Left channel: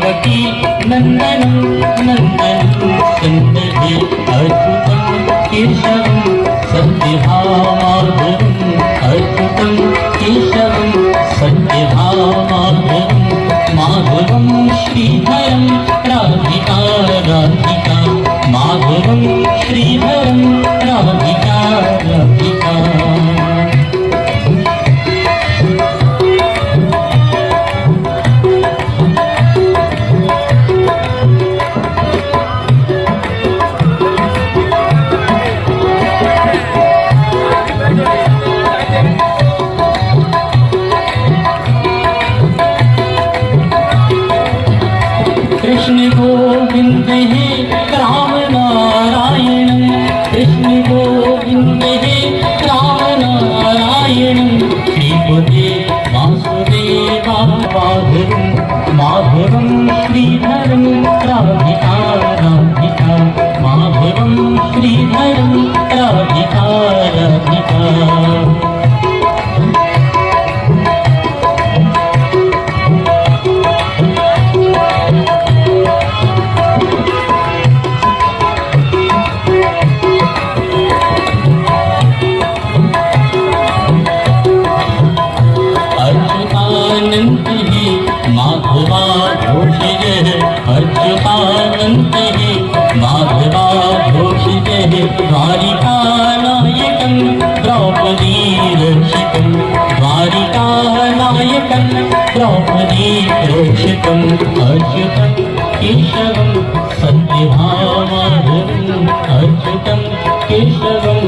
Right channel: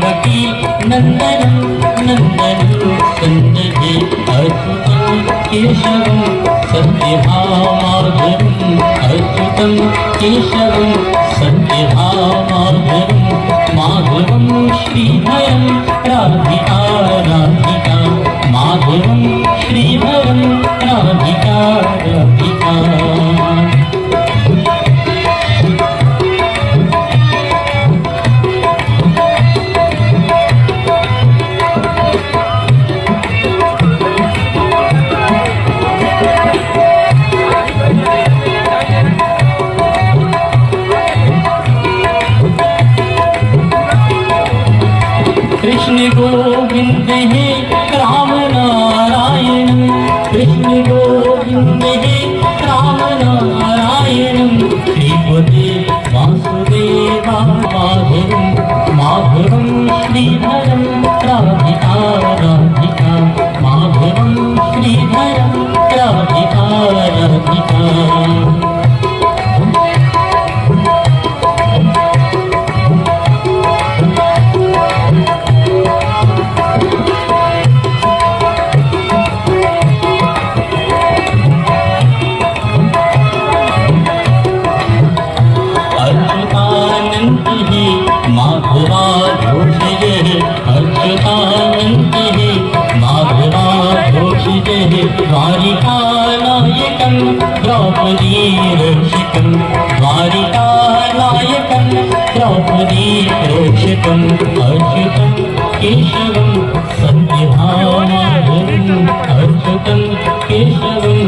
देवकी नंदनं नंदनं सन्दधे अच्युतं केशवं सत्यभामाधुरम् अच्युतं केशवं सत्यभामाधुरम् माधुरं श्रीधरं राधिका राधिका माधुरं श्रीधरं राधिका राधिका। कृष्ण गोविंद हे राम नारायण कृष्ण गोविंद हे राम नारायण श्रीपदे वासुदेवा माधुरं माधुरं श्रीधरं राधिका राधिका माधुरं श्रीधरं राधिका राधिका। माधवा घोषिते अर्चुतानन्ते माधवा घोषिते द्वारिकानायकं द्रौपदी रक्षितं द्वारिकानायकं द्रौपदी रक्षितं अच्युतं केशवं सत्यभामाधुरम् अच्युतं केशवं